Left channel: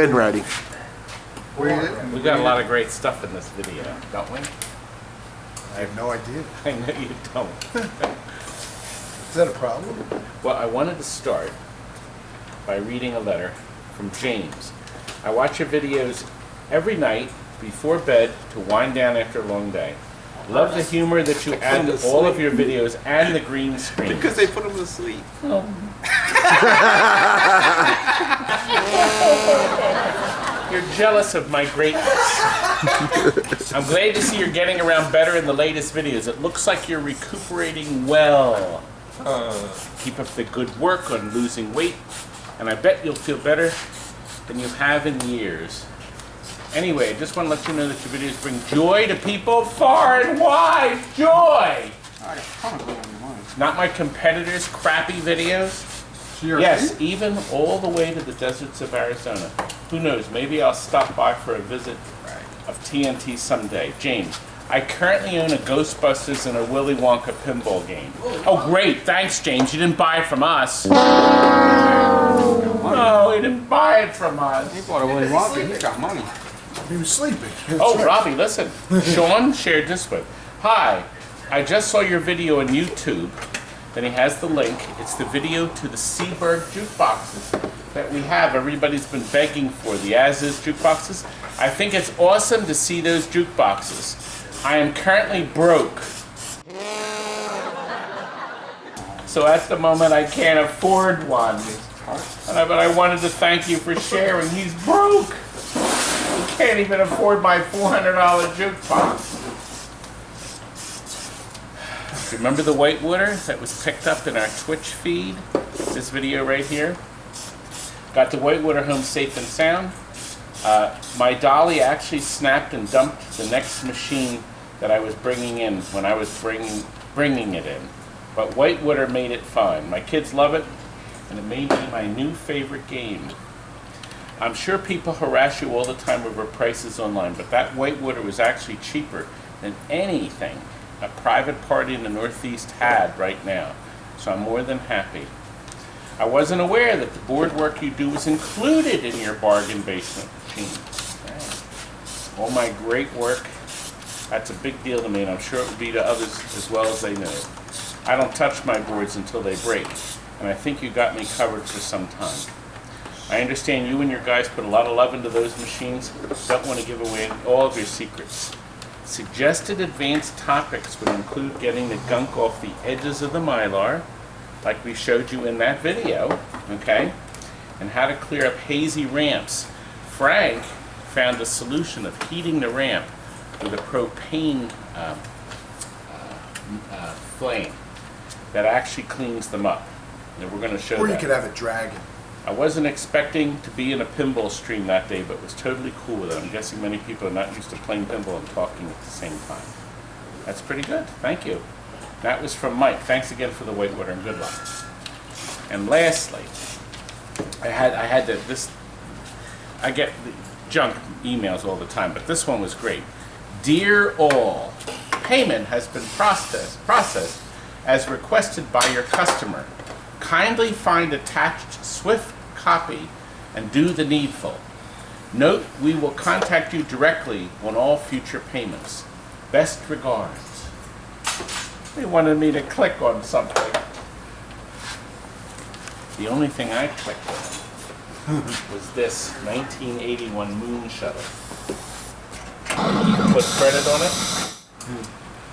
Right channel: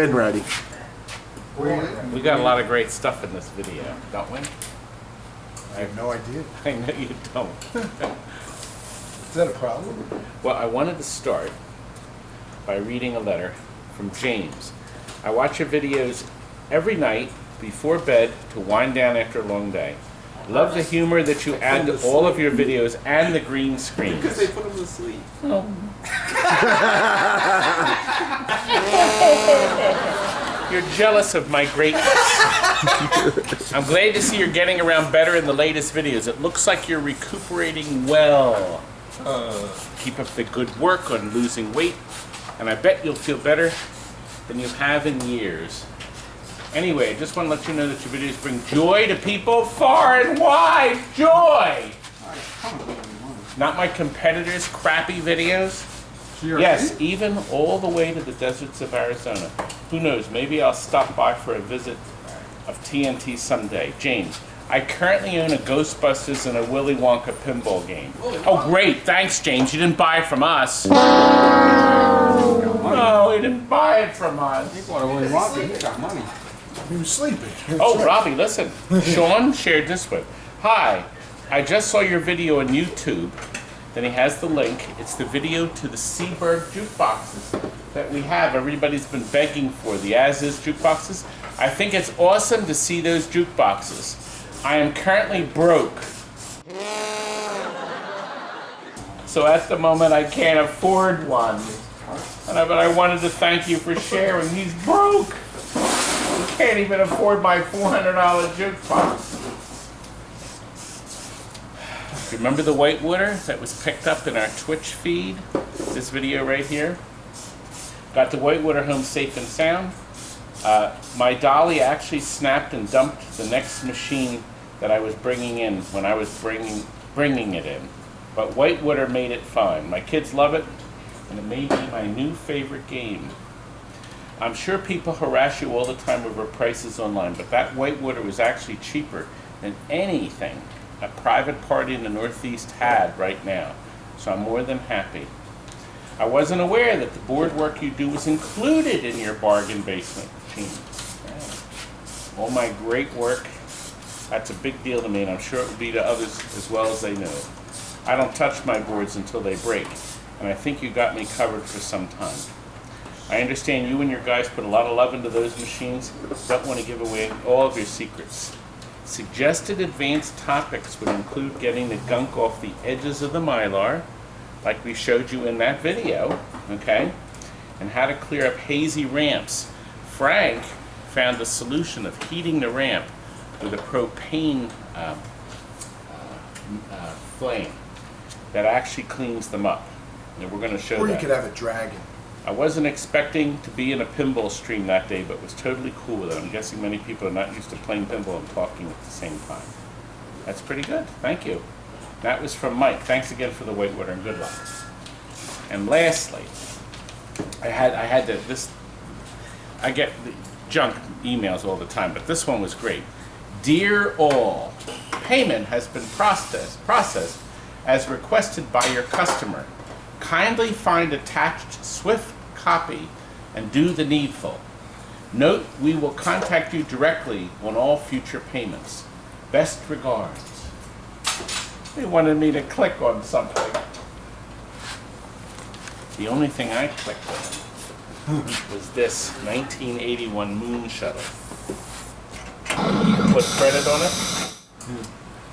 been ready. We got a lot of great stuff in this video, don't we? I have no idea. I know you don't. Is that a problem? Well, I wanted to start by reading a letter from James. I watch your videos every night before bed to wind down after a long day. Love the humor that you add to all of your videos and the green screens. Because they put them to sleep. Oh. You're jealous of my greatness. I'm glad to see you're getting around better in the latest videos. It looks like you're recuperating well. Keep up the good work on losing weight, and I bet you'll feel better than you have in years. Anyway, I just want to let you know that your videos bring joy to people far and wide. Joy! Not my competitors' crappy videos. Yes, even all the way to the deserts of Arizona. Who knows, maybe I'll stop by for a visit of TNT someday. James, I currently own a Ghostbusters and a Willy Wonka pinball game. Oh great, thanks James, you didn't buy it from us. No, he didn't buy it from us. He bought a Willy Wonka, he got money. He was sleeping. Oh, Robbie, listen. Sean shared this with. Hi, I just saw your video on YouTube. Then he has the link. It's the video to the Seaberg jukeboxes that we have. Everybody's been begging for, the as-is jukeboxes. I think it's awesome to see those jukeboxes. I am currently broke. So at the moment I can't afford one. But I wanted to thank you for sharing. He's broke. He can't even afford my $400 jukebox. Remember the whitewater that was picked up in our Twitch feed? This video right here. Got the whitewater home safe and sound. My dolly actually snapped and dumped the next machine that I was bringing in when I was bringing it in. But whitewater made it fine. My kids love it, and it may be my new favorite game. I'm sure people harass you all the time over prices online, but that whitewater was actually cheaper than anything a private party in the Northeast had right now. So I'm more than happy. I wasn't aware that the board work you do was included in your Bargain Basement Machines. All my great work, that's a big deal to me, and I'm sure it will be to others as well as they know. I don't touch my boards until they break, and I think you got me covered for some time. I understand you and your guys put a lot of love into those machines. Don't want to give away all of your secrets. Suggested advanced topics would include getting the gunk off the edges of the Mylar, like we showed you in that video, okay? And how to clear up hazy ramps. Frank found a solution of heating the ramp with a propane flame that actually cleans them up. And we're going to show that. Or you could have a dragon. I wasn't expecting to be in a pinball stream that day, but was totally cool with it. I'm guessing many people are not used to playing pinball and talking at the same time. That's pretty good. Thank you. That was from Mike. Thanks again for the whitewater and good luck. And lastly, I get the junk emails all the time, but this one was great. Dear all, payment has been processed as requested by your customer. Kindly find attached Swift copy and do the needful. Note, we will contact you directly on all future payments. Best regards. They wanted me to click on something. The only thing I clicked on was this 1981 Moon Shuttle. Put credit on it.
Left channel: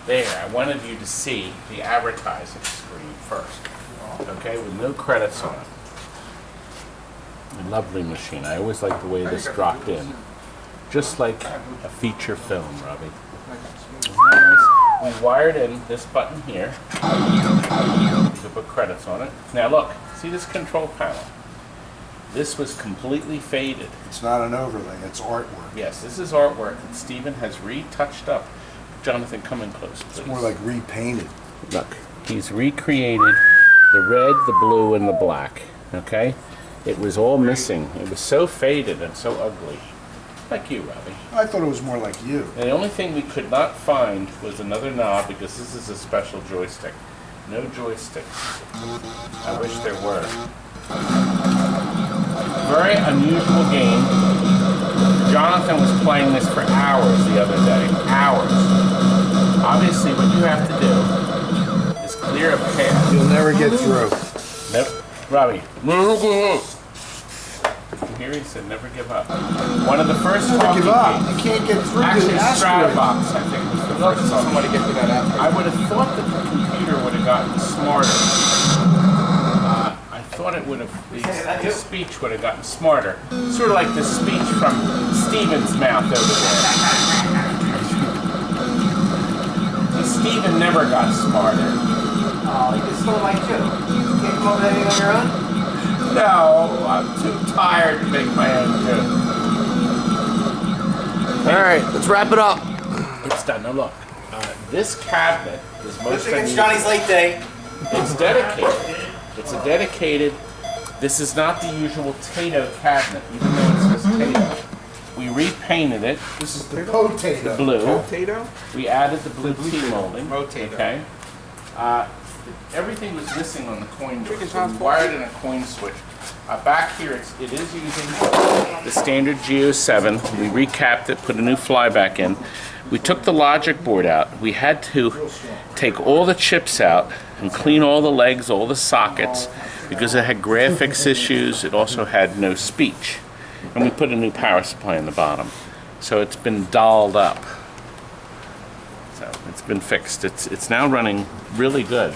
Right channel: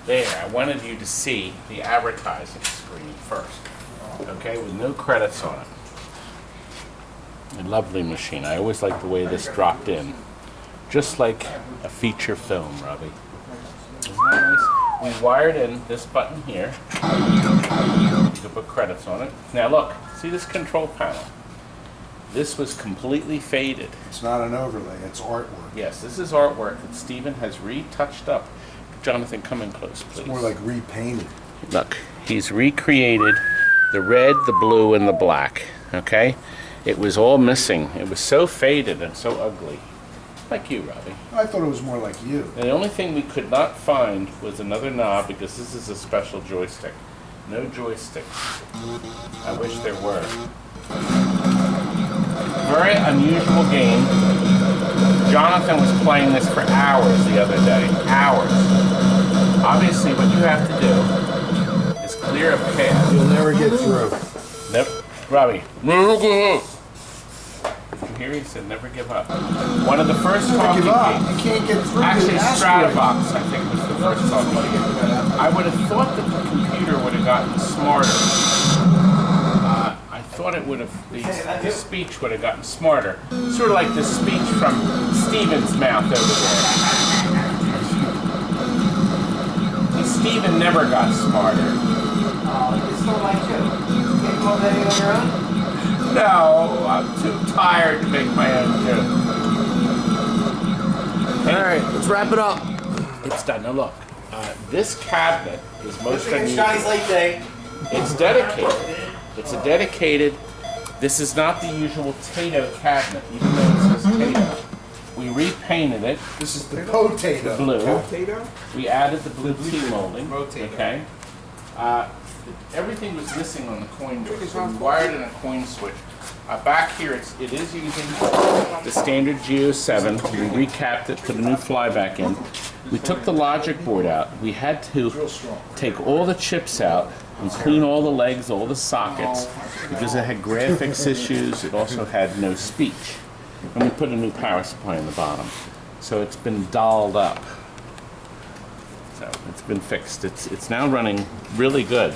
There, I wanted you to see the advertising screen first. Okay, with no credits on it. A lovely machine. I always like the way this dropped in. Just like a feature film, Robbie. Isn't that nice? We wired in this button here. You can put credits on it. Now look, see this control panel? This was completely faded. It's not an overlay, it's artwork. Yes, this is artwork that Stephen has retouched up. Jonathan, come in close, please. It's more like repainted. Look, he's recreated the red, the blue, and the black, okay? It was all missing. It was so faded and so ugly. Like you, Robbie. I thought it was more like you. And the only thing we could not find was another knob because this is a special joystick. No joysticks. I wish there were. Very unusual game. Jonathan was playing this for hours the other day. Hours. Obviously, what you have to do is clear a path. You'll never get through. Nope. Robbie. Never give up. Did you hear he said never give up? One of the first Never talking give up. games. You can't get through. Actually, the asteroid. Stratabox, I think, was the first talking. I would have thought that the computer would have gotten smarter. I thought it would have, the speech would have gotten smarter. Sort of like the speech from Steven's mouth over there. See, Steven never got smarter. Oh, it's still like you. You can't come up with anything on your own? No, I'm too tired to make my own joke. All right, let's wrap it up. It's done. Now look, this cabinet is most unusual. Johnny's late today. It's dedicated. It's a dedicated. This is not the usual Taito cabinet, even though it says Taito. We repainted it. This is the potato. Blue. Potato? We added the blue T molding. Okay. Everything was missing on the coin door, so we wired in a coin switch. Back here, it is using the standard Geo7. We recapped it, put a new fly back in. We took the logic board out. We had to take all the chips out and clean all the legs, all the sockets, because it had graphics issues. It also had no speech. And we put a new power supply in the bottom. So it's been dolled up. So it's been fixed. It's now running really good.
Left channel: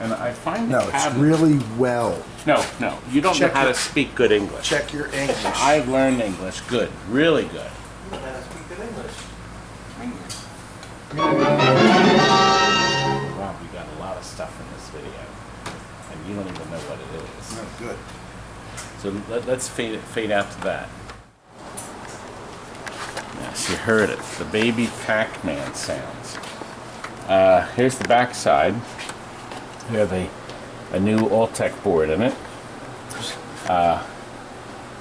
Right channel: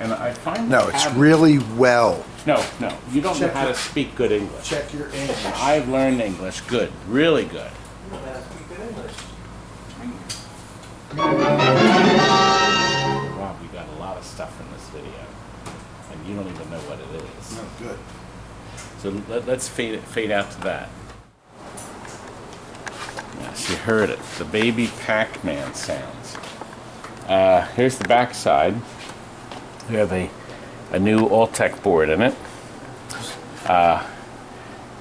And I find No, it's really well. No, you don't know how to speak good English. Check your English. I've learned English good, really good. You don't know how to speak good English. Wow, we got a lot of stuff in this video, and you don't even know what it is. No, good. So let's fade out to that. Yes, you heard it. The baby Pac-Man sounds. Here's the back side. We have a new Alltech board in it.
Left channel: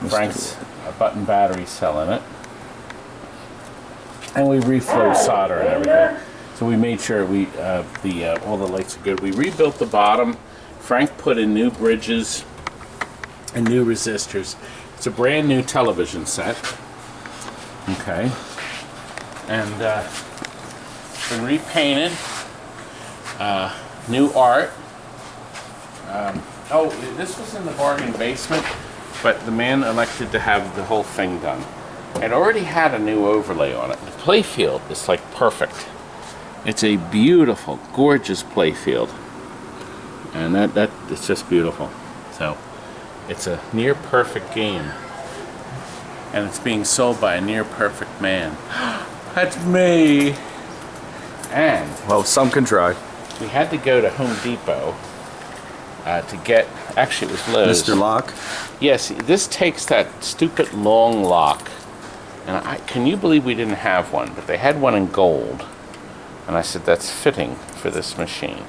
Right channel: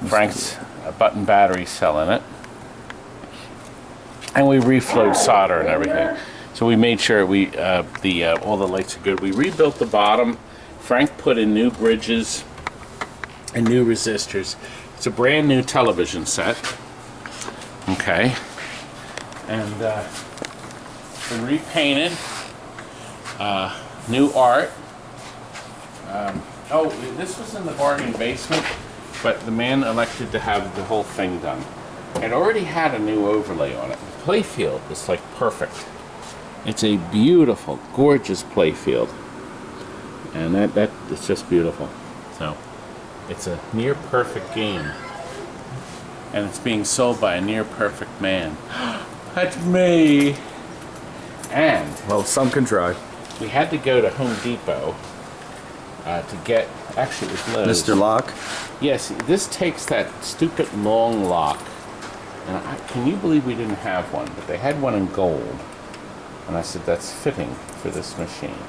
Frank's button battery cell in it. And we reflowed solder and everything. So we made sure all the lights are good. We rebuilt the bottom. Frank put in new bridges and new resistors. It's a brand new television set. Okay. And been repainted. New art. This was in the bargain basement, but the man elected to have the whole thing done. It already had a new overlay on it. The playfield is like perfect. It's a beautiful, gorgeous playfield. And it's just beautiful. So it's a near perfect game. And it's being sold by a near perfect man. That's me. And Well, some can try. we had to go to Home Depot to get, actually it was Lowe's. Mr. Locke. Yes, this takes that stupid long lock. And can you believe we didn't have one? But they had one in gold. And I said, that's fitting for this machine.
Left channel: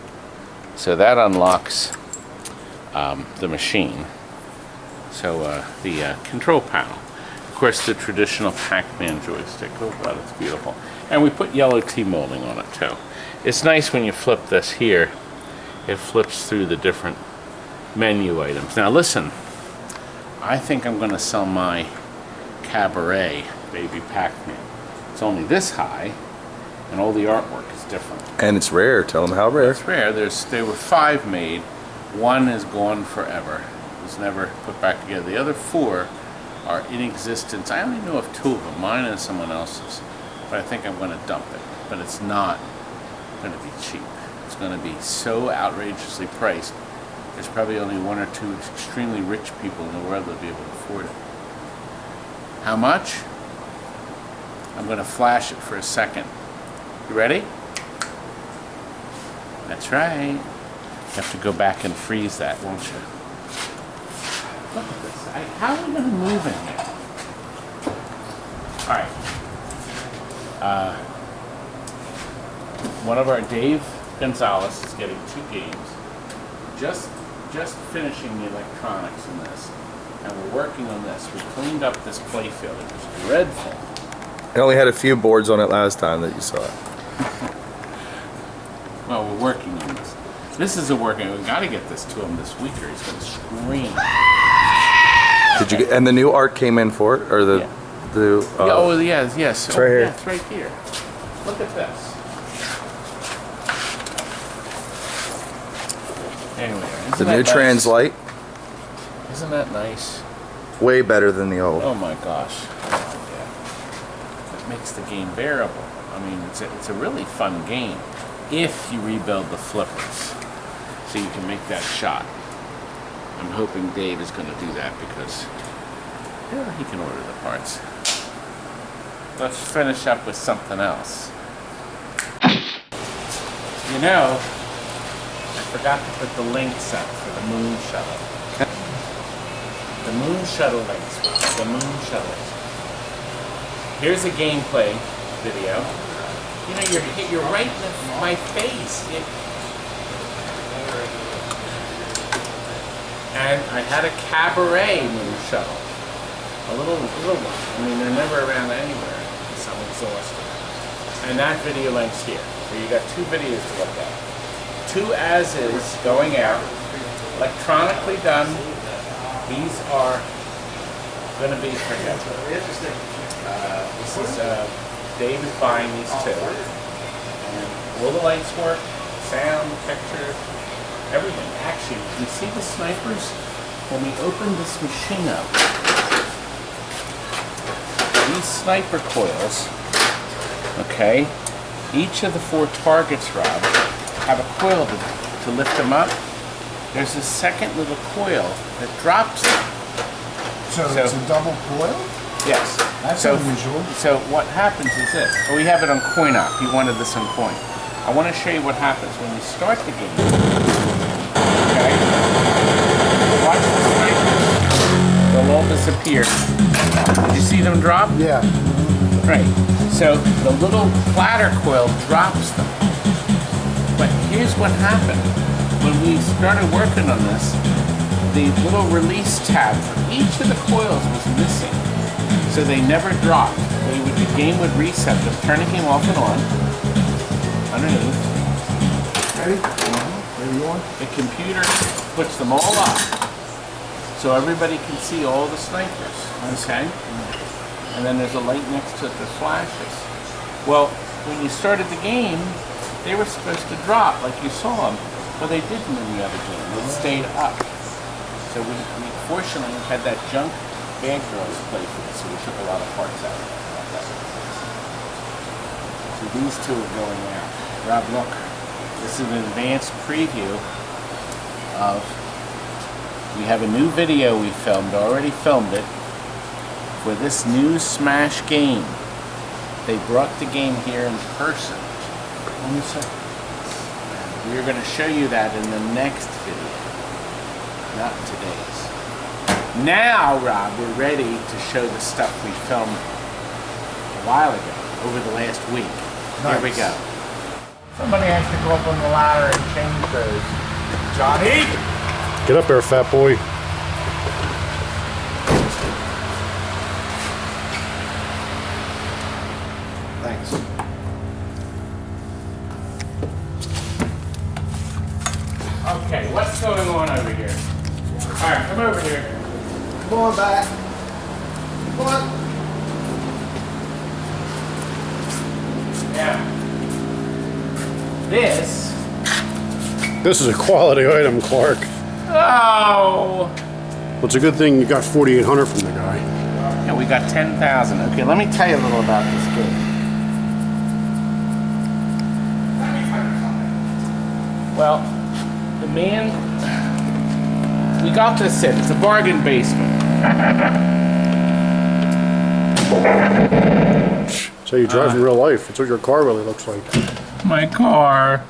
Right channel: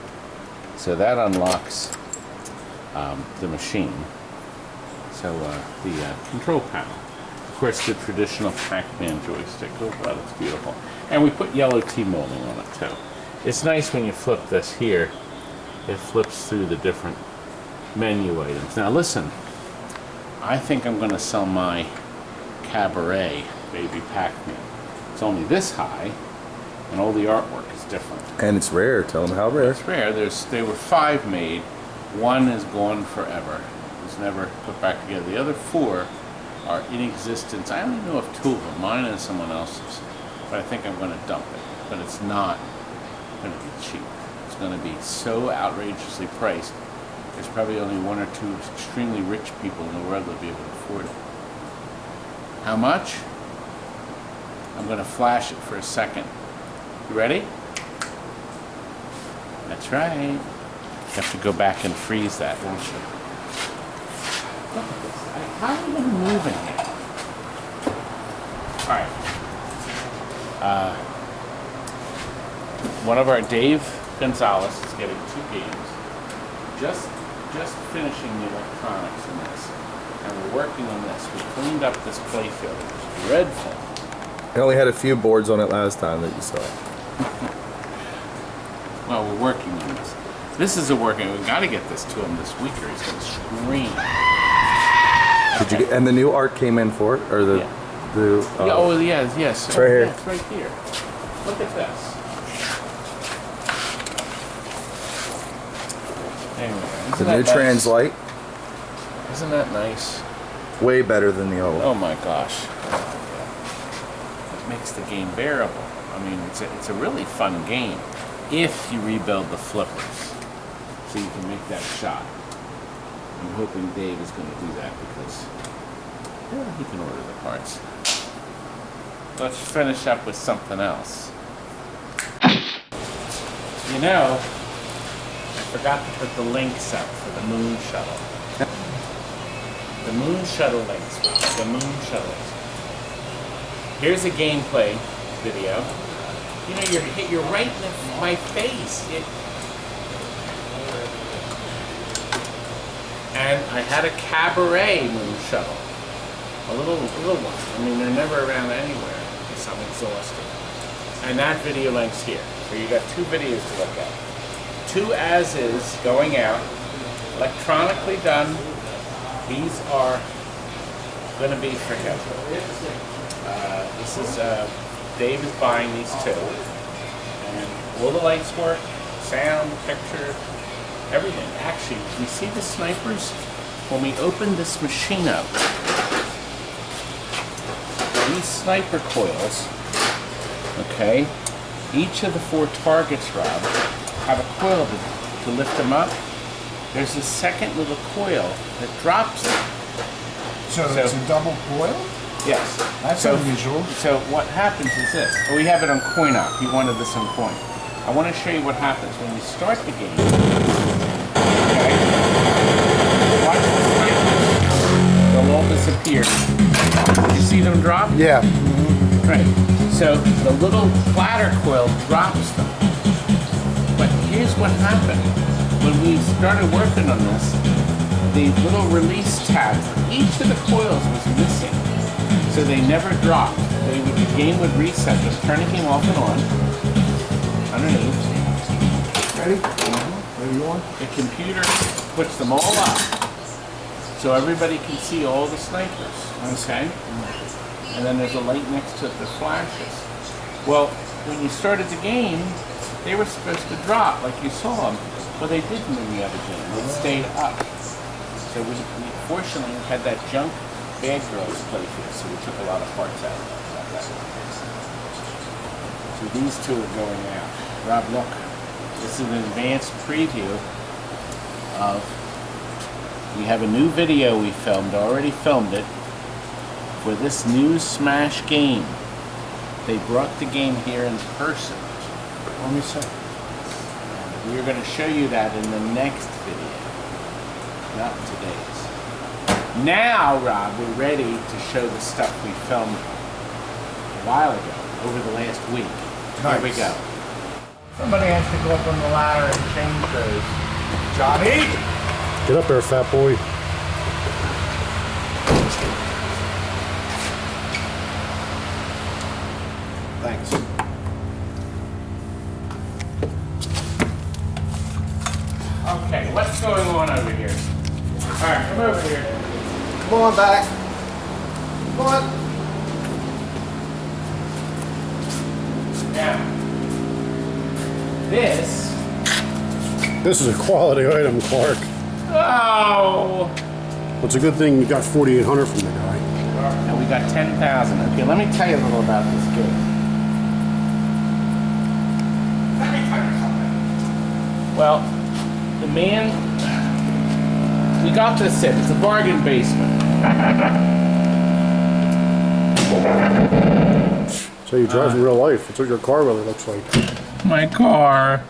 So that unlocks the machine. So the control panel. Of course, the traditional Pac-Man joystick. Oh, wow, that's beautiful. And we put yellow T-molding on it, too. It's nice when you flip this here. It flips through the different menu items. Now, listen. I think I'm going to sell my Cabaret Baby Pac-Man. It's only this high, and all the artwork is different. And it's rare. Tell them how rare. It's rare. There were 5 made. 1 is gone forever. It was never put back together. The other 4 are in existence. I only know of 2 of them, mine and someone else's. But I think I'm going to dump it. But it's not going to be cheap. It's going to be so outrageously priced. There's probably only 1 or 2 extremely rich people in the world that will be able to afford it. How much? I'm going to flash it for a second. You ready? That's right. You have to go back and freeze that, won't you? Look at this. How are we going to move in here? All right. One of our Dave Gonzalez is getting 2 games. Just finishing the electronics in this. And we're working on this. We cleaned up this playfield. It was dreadful. I only had a few boards on it last time that you saw. Well, we're working on this. This is a working. We've got to get this to him this week or he's going to scream. Did you get, and the new art came in for it, or the? Yeah. The, oh, yes, yes. It's right here. Yeah, it's right here. Look at this. Anyway, the new trans light, isn't that nice? way better than the old. Oh my gosh. Yeah. It makes the game bearable. I mean, it's a really fun game if you rebuild the flippers so you can make that shot. I'm hoping Dave is going to do that because he can order the parts. Let's finish up with something else. You know, I forgot to put the links up for the Moon Shuttle. The Moon Shuttle links. The Moon Shuttle links. Here's a gameplay video. You know, you're right in my face. And I had a cabaret Moon Shuttle. A little one. I mean, they're never around anywhere because I'm exhausted. And that video links here. So you got two videos to look at. Two as-is going out, electronically done. These are going to be for him. This is, Dave is buying these two. And all the lights work, sound, picture, everything. Actually, you see the snipers? When we open this machine up, these sniper coils, okay, each of the 4 targets, Rob, have a coil to lift them up. There's a second little coil that drops them. So it's a double coil? Yes. That's unusual. So what happens is this. Oh, we have it on coin op. He wanted this on coin. I want to show you what happens when you start the game. Okay? Watch the snipers. They'll all disappear. Did you see them drop? Yeah. Right. So the little platter coil drops them. But here's what happened. When we started working on this, the little release tab for each of the coils was missing. So they never dropped. The game would reset them, turning him off and on. Underneath. Ready? Ready, you want? The computer puts them all up so everybody can see all the snipers. Okay? And then there's a light next to it that flashes. Well, when you started the game, they were supposed to drop like you saw them. Well, they didn't in the other game. They stayed up. So we fortunately had that junk Bad Girls play for us, so we took a lot of parts out of that. So these two are going out. Rob, look. This is an advanced preview of, we have a new video we filmed, already filmed it, for this new Smash game. They brought the game here in person. Let me see. We're going to show you that in the next video, not today's. Now, Rob, we're ready to show the stuff we filmed a while ago, over the last week. Nice. Here we go. Somebody has to go up on the ladder and change those. Johnny? Get up there, fat boy. Thanks. Okay, what's going on over here? All right, come over here. Come on back. Come on. Now, this. This is a quality item, Clark. Oh! Well, it's a good thing you got 4,800 from the guy. And we got 10,000. Okay, let me tell you a little about this game. Let me tell you something. Well, the man, we got this in. It's a bargain basement. So you drive in real life. It's what your car really looks like. My car.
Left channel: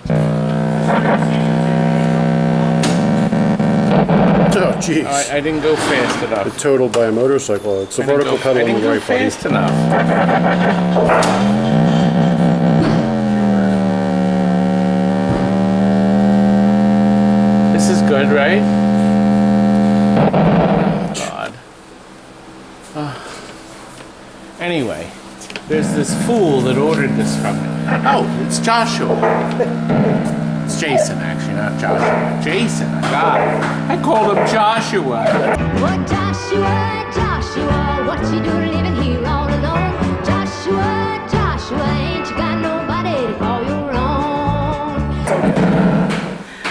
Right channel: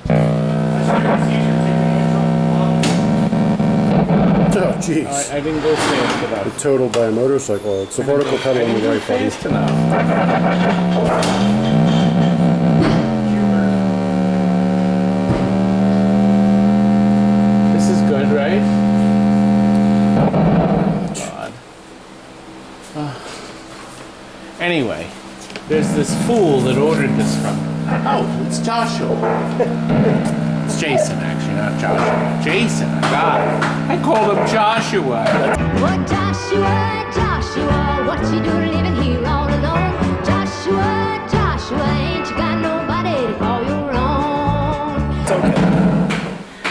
Oh, jeez. I didn't go fast enough. It's totaled by a motorcycle. It's the vertical pedal on the right, buddy. Fast enough. This is good, right? Oh, God. Anyway, there's this fool that ordered this from me. Oh, it's Joshua. It's Jason, actually, not Joshua. Jason, I got it. I called him Joshua. What Joshua, Joshua, what you doing living here all alone? Joshua, Joshua, ain't you got nobody to call your own?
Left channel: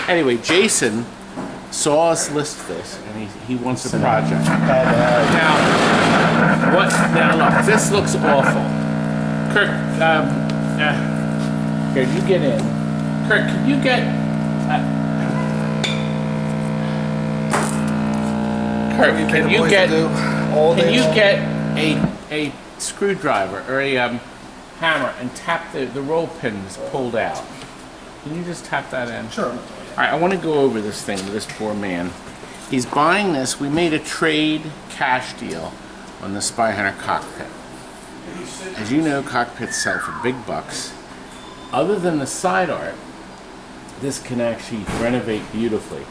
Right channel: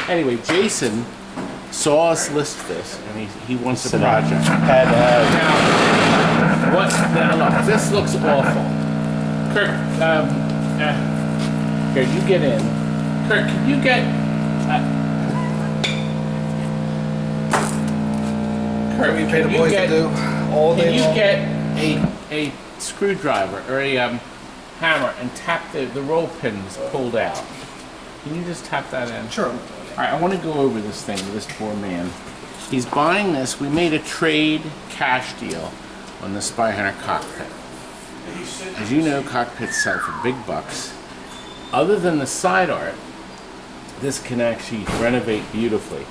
Anyway, Jason saw us list this, and he wants a project. Now, what? Now look, this looks awful. Kirk, here, you get in. Kirk, can you get? Kirk, can you get? Can you get a screwdriver or a hammer and tap the roll pins pulled out? Can you just tap that in? Sure. All right, I want to go over this thing with this poor man. He's buying this. We made a trade cash deal on the SPY HUNTER Cockpit. As you know, cockpits sell for big bucks. Other than the side art, this can actually renovate beautifully.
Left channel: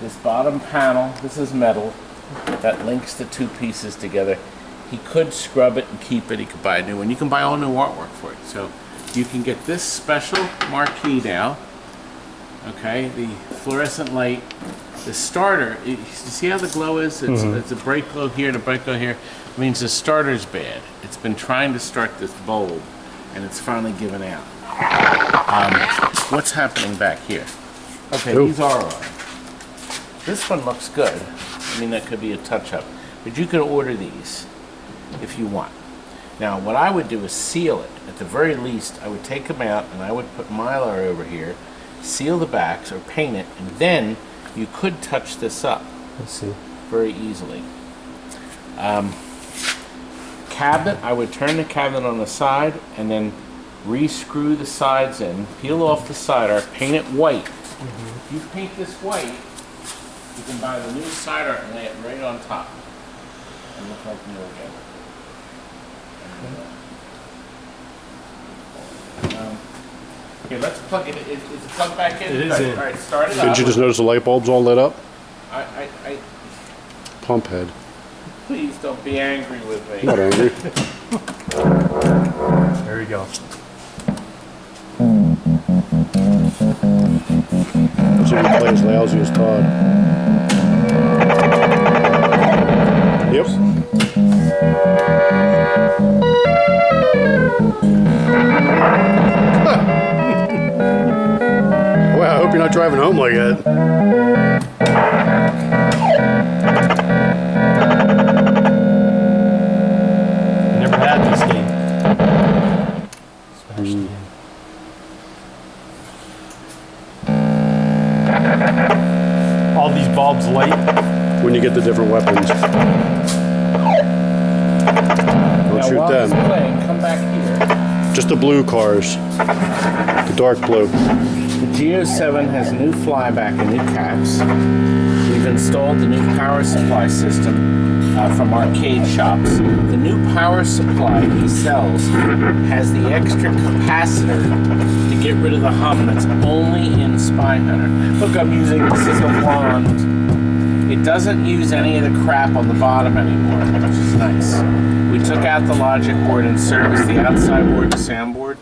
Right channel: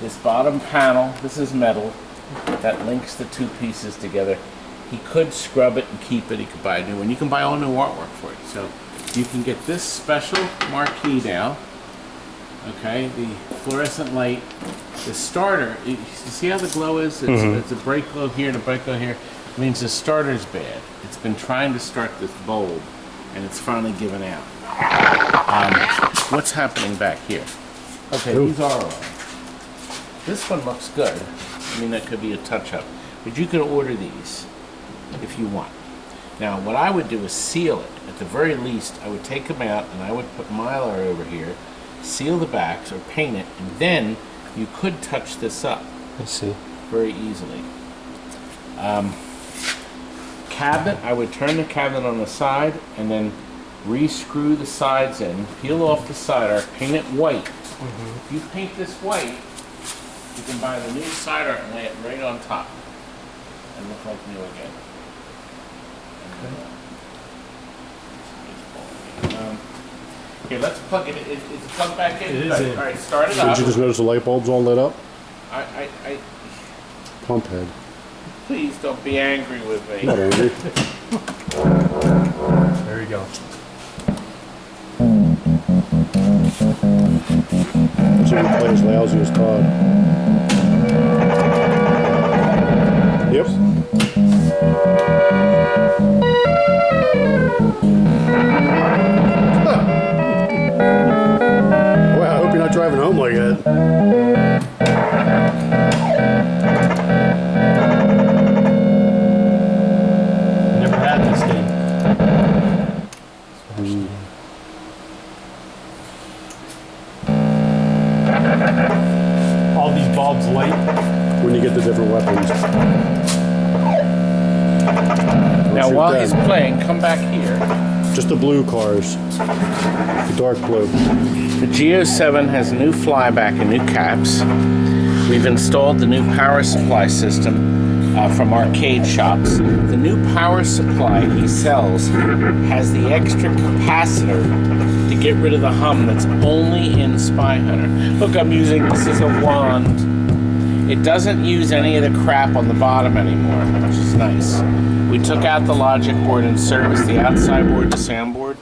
This bottom panel, this is metal, that links the two pieces together. He could scrub it and keep it. He could buy a new one. You can buy all new artwork for it. So you can get this special marquee now. Okay, the fluorescent light, the starter, you see how the glow is? It's a bright glow here and a bright glow here. It means the starter's bad. It's been trying to start this bulb, and it's finally given out. What's happening back here? Okay, these are on. This one looks good. I mean, that could be a touch-up. But you could order these if you want. Now, what I would do is seal it. At the very least, I would take them out, and I would put Mylar over here, seal the backs or paint it, and then you could touch this up. I see. Very easily. Cabinet, I would turn the cabinet on the side and then re-screw the sides in, peel off the side art, paint it white. If you paint this white, you can buy the new side art and lay it right on top and look like new again. Here, let's plug it in. Is it plugged back in? It is in. All right, start it up. Did you just notice the light bulb's all lit up? I Pump head. please don't be angry with me. Not angry. There you go. Let's see if we play as lousy as Todd. Yep. Well, I hope you're not driving home like that. Never had this game. All these bulbs light. When you get the different weapons. Now shoot while them. he's playing, come back here. Just the blue cars. The dark blue. The Geo7 has new flyback and new caps. We've installed the new power supply system from arcade shops. The new power supply he sells has the extra capacitor to get rid of the hum that's only in SPY HUNTER. Look, I'm using this as a wand. It doesn't use any of the crap on the bottom anymore, which is nice. We took out the logic board and serviced the outside board, the soundboard.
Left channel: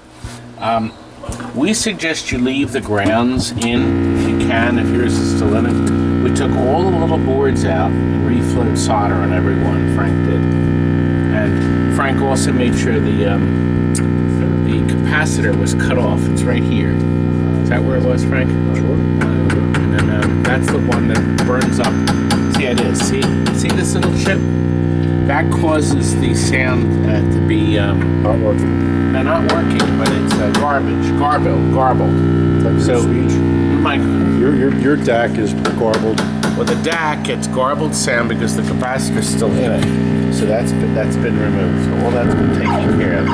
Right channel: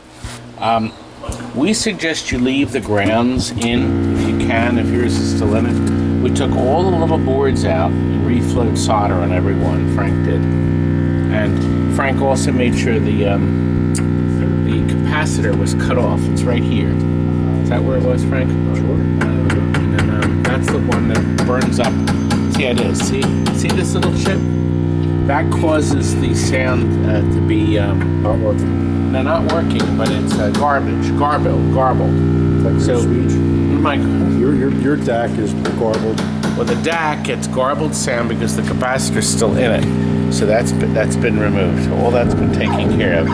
We suggest you leave the grounds in if you can, if yours is still in it. We took all the little boards out and reflowed solder on every one. Frank did. And Frank also made sure the capacitor was cut off. It's right here. Is that where it was, Frank? Sure. And then that's the one that burns up. See, it is. See this little chip? That causes the sound to be Not working. no, not working, but it's garbage, garble. Like So, speech. my Your DAC is garbled. well, the DAC gets garbled sound because the capacitor's still in it. So that's been removed. So all that's been taken care of.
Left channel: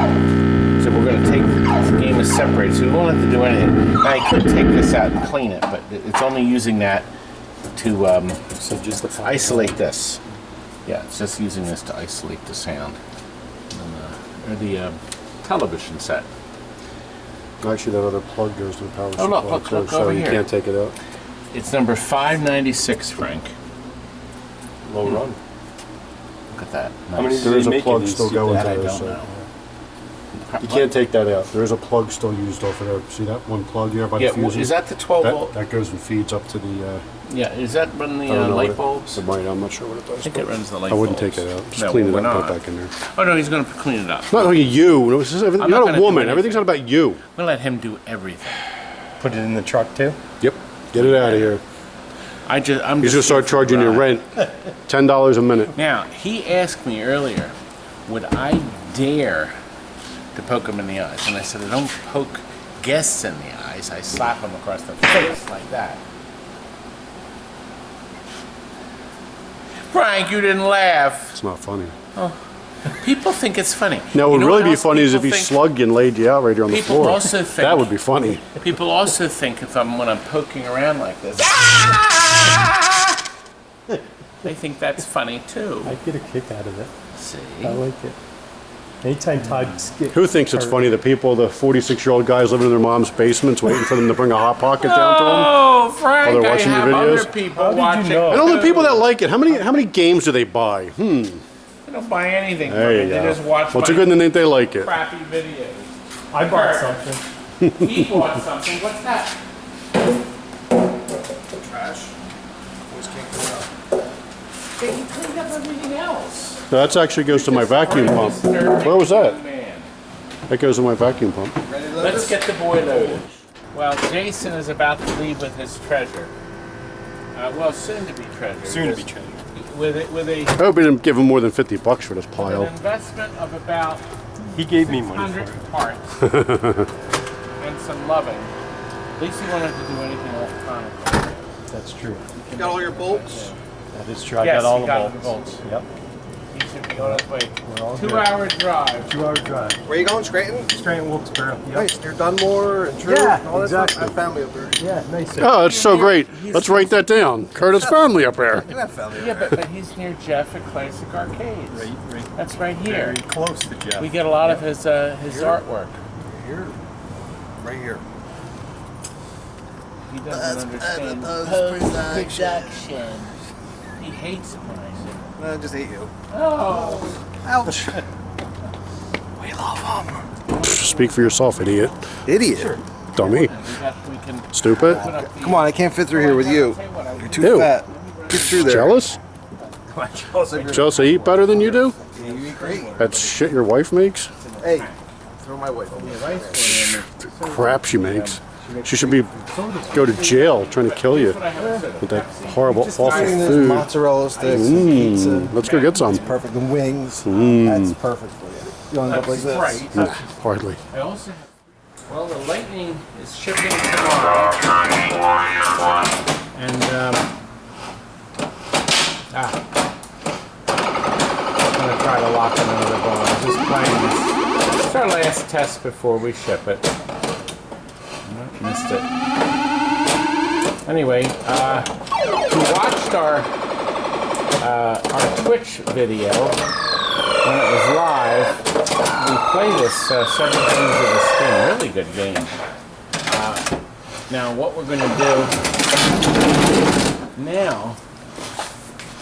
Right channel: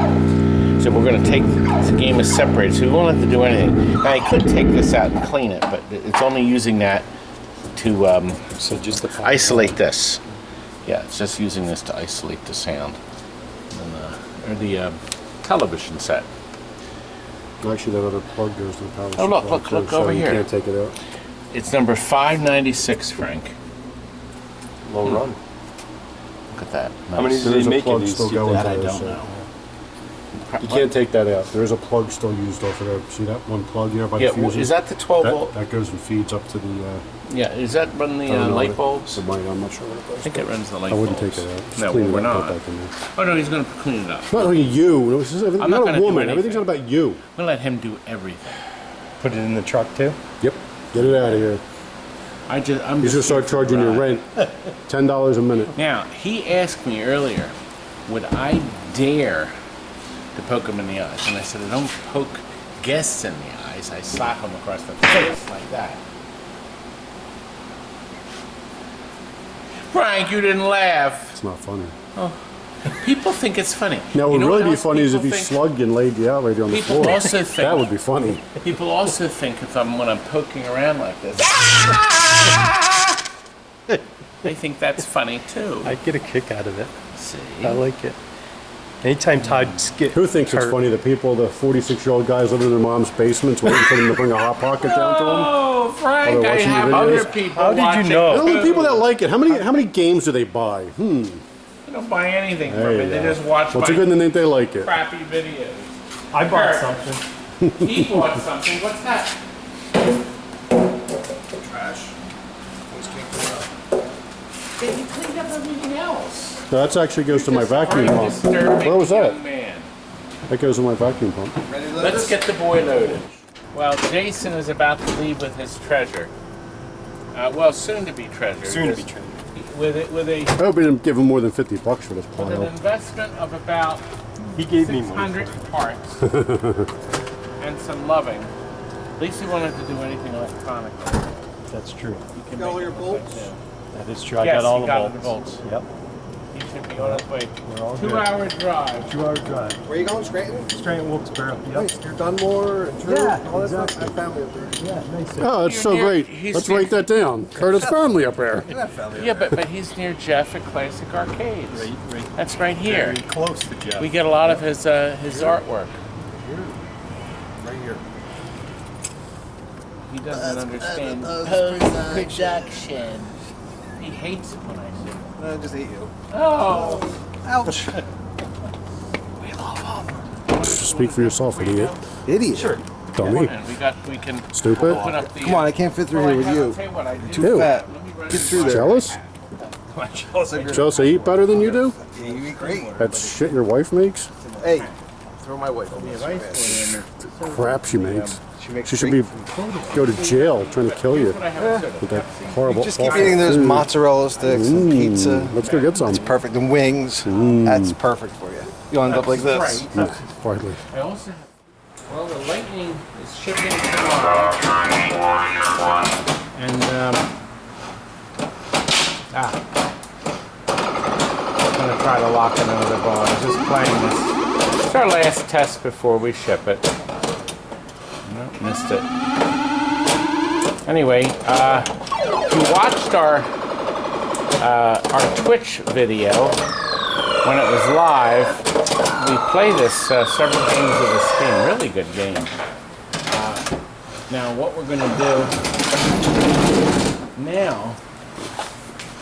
So we're going to take the game is separated, so we won't have to do anything. Now I could take this out and clean it, but it's only using that to So just the isolate this. Yeah, it's just using this to isolate the sound. Or the television set. Actually, that other plug goes to the power supply. Oh, look so over you here. can't take it out. It's number 596, Frank. low run. Look at that. How many Nice. do There is they a make plug of these? still going That to I this. don't know. You can't take that out. There is a plug still used over there. See that one plug here by Yeah, the fuses? is that the 12 volt? That goes and feeds up to the. Yeah, is that run the I don't know light what bulbs? It might. I'm not sure what it does. I think it runs the light I bulbs. wouldn't take that out. Just No, clean we're it up, not. put it back in there. Oh no, he's going to clean it up. It's not like you. You're not not gonna a do woman. anything. Everything's not about you. I'm going to let him do everything. Put it in the truck too? Yep. Get it out of here. I'm He's just gonna here start for charging the you ride. rent. $10 a minute. Now, he asked me earlier, would I dare to poke him in the eyes? And I said, I don't poke guests in the eyes. I slap him across the face like that. Frank, you didn't laugh. It's not funny. People think it's funny. Now, what You would know really what be else funny is if people he think? slugged you and laid you out right here on the People floor. also think- That would be funny. People also think when I'm poking around like this, they think that's funny too. I get a kick out of it. See? I like it. Anytime Todd skip. Who thinks it's funny? The people, the 46-year-old guys living in their mom's basements waiting for them to bring a Hot Pocket down to them? Oh, Frank, While they're I watching have your other videos? people How did you watching. know? And all the too. people that like it, how many games do they buy? They don't buy anything from There me. you They go. just watch What's a my good and they like it? crappy videos. I bought something. He bought something. What's that? Trash. Always can't clean up. Hey, he cleaned up everything else. No, that actually goes to my vacuum Very pump. disturbing Where was that? young man. That goes to my vacuum pump. Ready to load Let's this? get the boy loaded. Well, Jason is about to leave with his treasure. Well, soon to be treasure. Soon to be treasure. With a I hope we didn't give him more than 50 bucks for this an pile. investment of about He gave me money. 600 parts and some loving. At least he wanted to do anything electronically. That's true. He can Got all make your it bolts? like that. That is true. I Yes, got all he the got all bolts. the bolts. Yep. He should be on his way. We're all good. 2-hour drive. 2-hour drive. Where you going, Scranton? Straight in Wilkes-Barre. Yep. Nice. You're Dunmore and Drew Yeah, and all that exactly. stuff? I have family up there. Yeah, nice. Oh, that's so great. Let's write that down. Curtis family up there. I have family Yeah, up there. but he's near Jeff at Classic Arcades. Right That's right here. very close to Jeff. We get a lot of his artwork. Here. Right here. He doesn't understand post-production. He hates it when I say it. I just hate you. Oh, Ouch. Speak for yourself, idiot. Idiot. Sure. Dummy. and we can Stupid. put up the. Come on, I can't fit through here with you. You're too Ew. fat. Get through there. Jealous? Jealous I eat better than you do? Yeah, you eat great. That shit your wife makes? Hey, throw my wife on this. Crap she makes. She should be go to jail trying to kill you with that horrible, Just keep awful eating those food. mozzarella sticks and pizza. Let's go get some. It's perfect. And wings. That's perfect for you. You end up like this. Right. Hardly. I also have. Well, the Lightning is shipping tomorrow. And, I'm going to try to lock another bar. I'm just playing this. It's our last test before we ship it. Nope, missed it. Anyway, if you watched our Twitch video when it was live, we play this several games of this game. Really good game. Now, what we're going to do now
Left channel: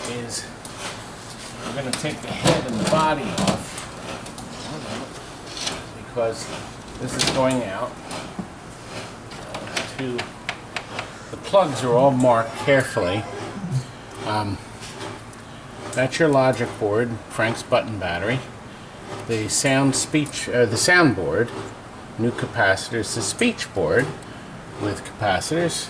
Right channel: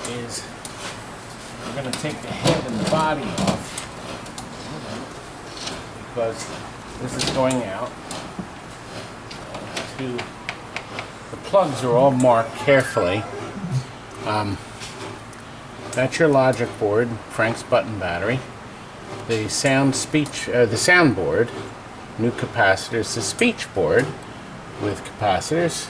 is we're going to take the head and the body off because this is going out to the plugs are all marked carefully. That's your logic board, Frank's button battery. The soundboard, new capacitors, the speech board with capacitors,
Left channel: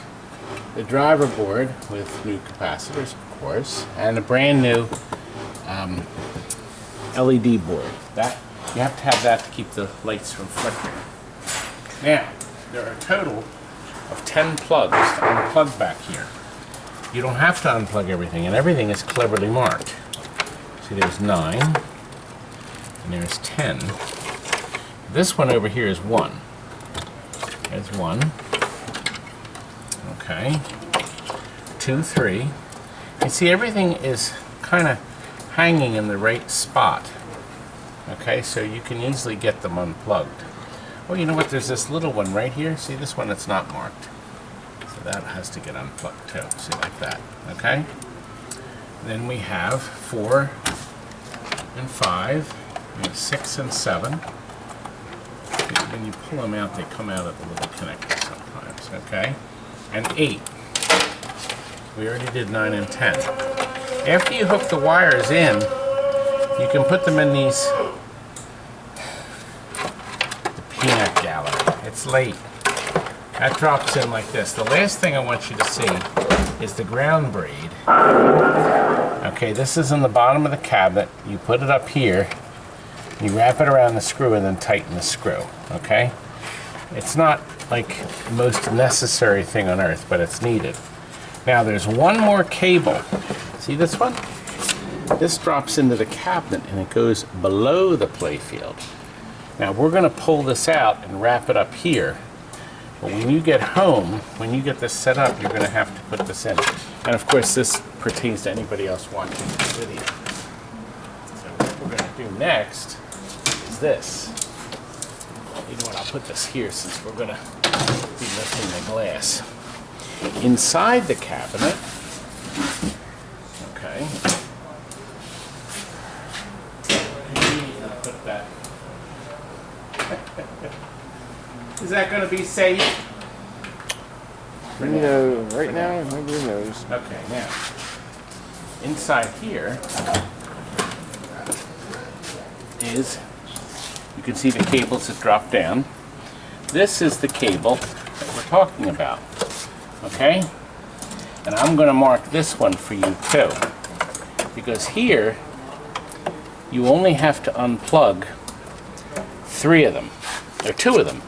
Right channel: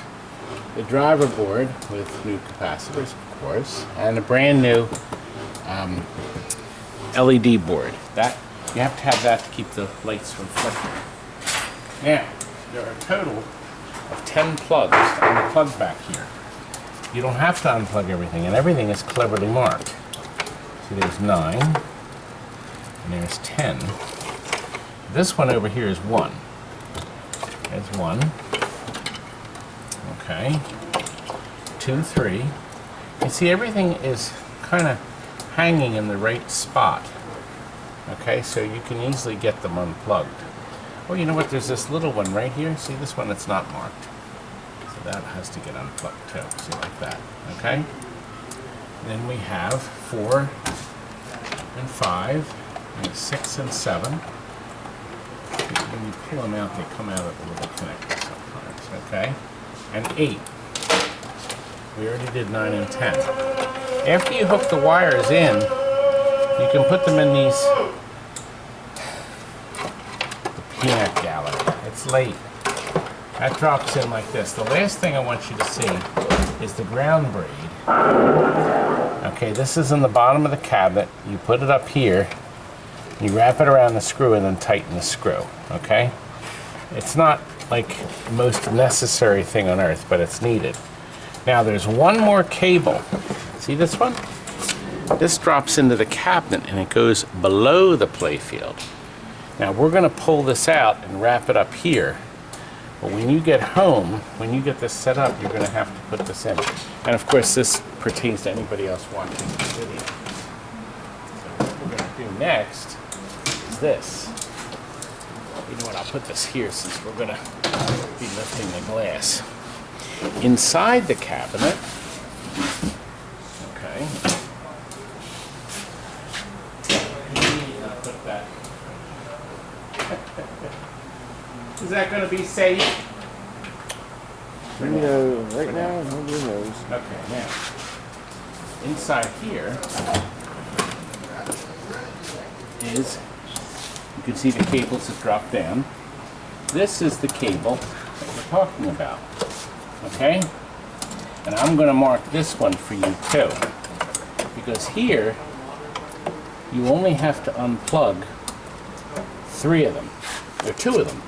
the driver board with new capacitors, of course, and a brand new LED board. That you have to have that to keep the lights from flickering. Now, there are a total of 10 plugs on the plug back here. You don't have to unplug everything, and everything is cleverly marked. See, there's 9, and there's 10. This one over here is 1. There's 1. Okay. 2, 3. You see, everything is kind of hanging in the right spot. Okay, so you can easily get them unplugged. Well, you know what? There's this little one right here. See this one that's not marked. So that has to get unplugged too. See, like that. Okay? Then we have 4 and 5, and 6 and 7. When you pull them out, they come out of the little connector sometimes, okay? And 8. We already did 9 and 10. After you hook the wires in, you can put them in these the peanut gallery. It's late. That drops in like this. The last thing I want you to see is the ground braid. Okay, this is in the bottom of the cabinet. You put it up here, you wrap it around the screw and then tighten the screw, okay? It's not like the most necessary thing on earth, but it's needed. Now there's one more cable. See this one? This drops into the cabinet and it goes below the playfield. Now we're gonna pull this out and wrap it up here. But when you get home, when you get this set up, you're gonna have to put this in. And of course this pertains to anybody else watching this video. So what we're gonna do next is this. You know what, I'll put this here since we're gonna be lifting the glass. Inside the cabinet, okay. Put that. Is that going to be safe? Right now, nobody knows. Okay, now, inside here is, you can see the cables that drop down. This is the cable that we're talking about, okay? And I'm going to mark this one for you too, because here, you only have to unplug 3 of them, or 2 of them.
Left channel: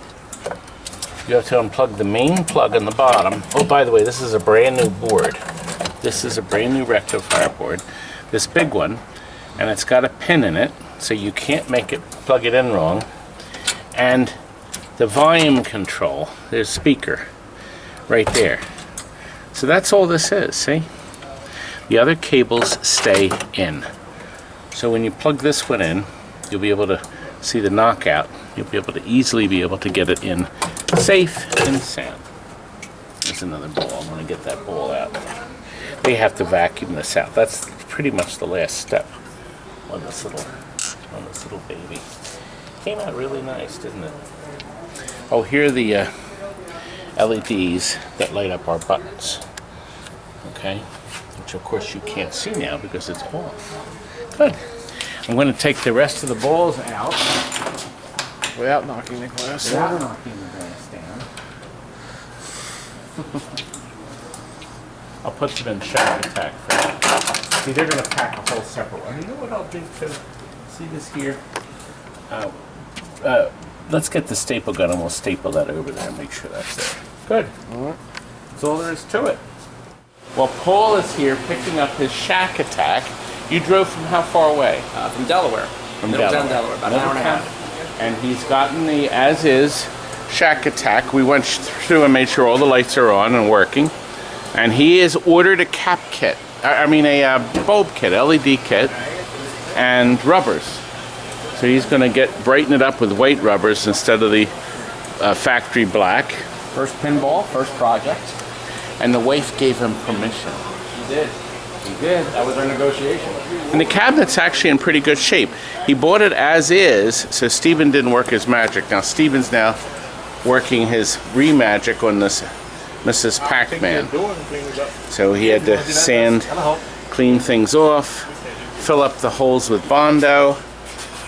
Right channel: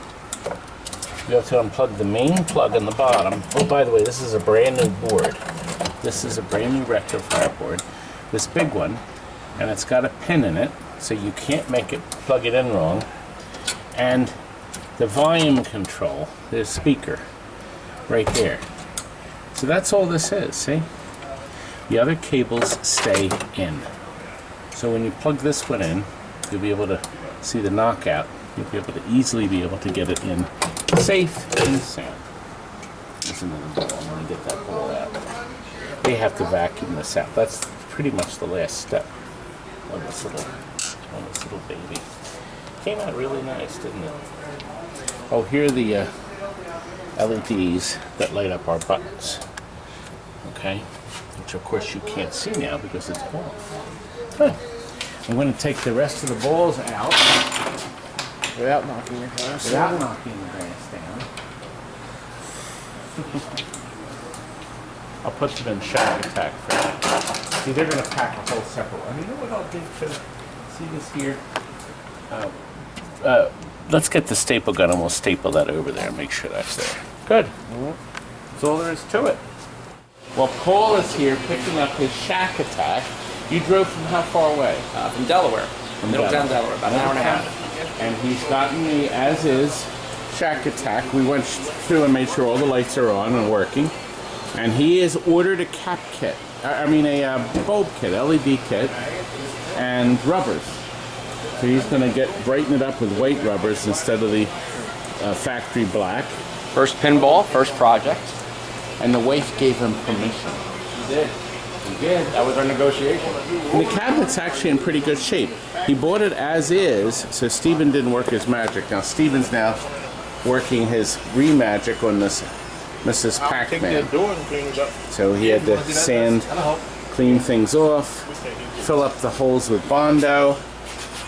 You have to unplug the main plug in the bottom. Oh, by the way, this is a brand new board. This is a brand new rectifier board, this big one, and it's got a pin in it, so you can't plug it in wrong. And the volume control, there's a speaker right there. So that's all this is, see? The other cables stay in. So when you plug this one in, you'll be able to see the knockout. You'll be able to easily be able to get it in safe and sound. There's another ball. I'm going to get that ball out. We have to vacuum this out. That's pretty much the last step on this little baby. Came out really nice, didn't it? Oh, here are the LEDs that light up our buttons. Okay, which of course you can't see now because it's off. Good. I'm going to take the rest of the balls out. Without knocking the glass Without knocking the glass down. I'll put them in SHAQ ATTAQ for now. See, they're going to pack a whole separate one. You know what I'll do too? See this here? Let's get the staple gun and we'll staple that over there and make sure that's there. Good. That's all there is to it. Well, Paul is here picking up his SHAQ ATTAQ. You drove from how far away? From Delaware. From Middletown, Delaware, about an hour and a half. And he's gotten the as-is SHAQ ATTAQ. We went through and made sure all the lights are on and working. And he has ordered a cap kit. A bulb kit, LED kit, and rubbers. So he's going to brighten it up with white rubbers instead of the factory black. First pinball, first project. And the wife gave him permission. She did. She did. That was our negotiation. And the cabinet's actually in pretty good shape. He bought it as is, so Steven didn't work his magic. Now Steven's now working his re-magic on this Mrs. Pac-Man. So he had to sand, clean things off, fill up the holes with Bondo,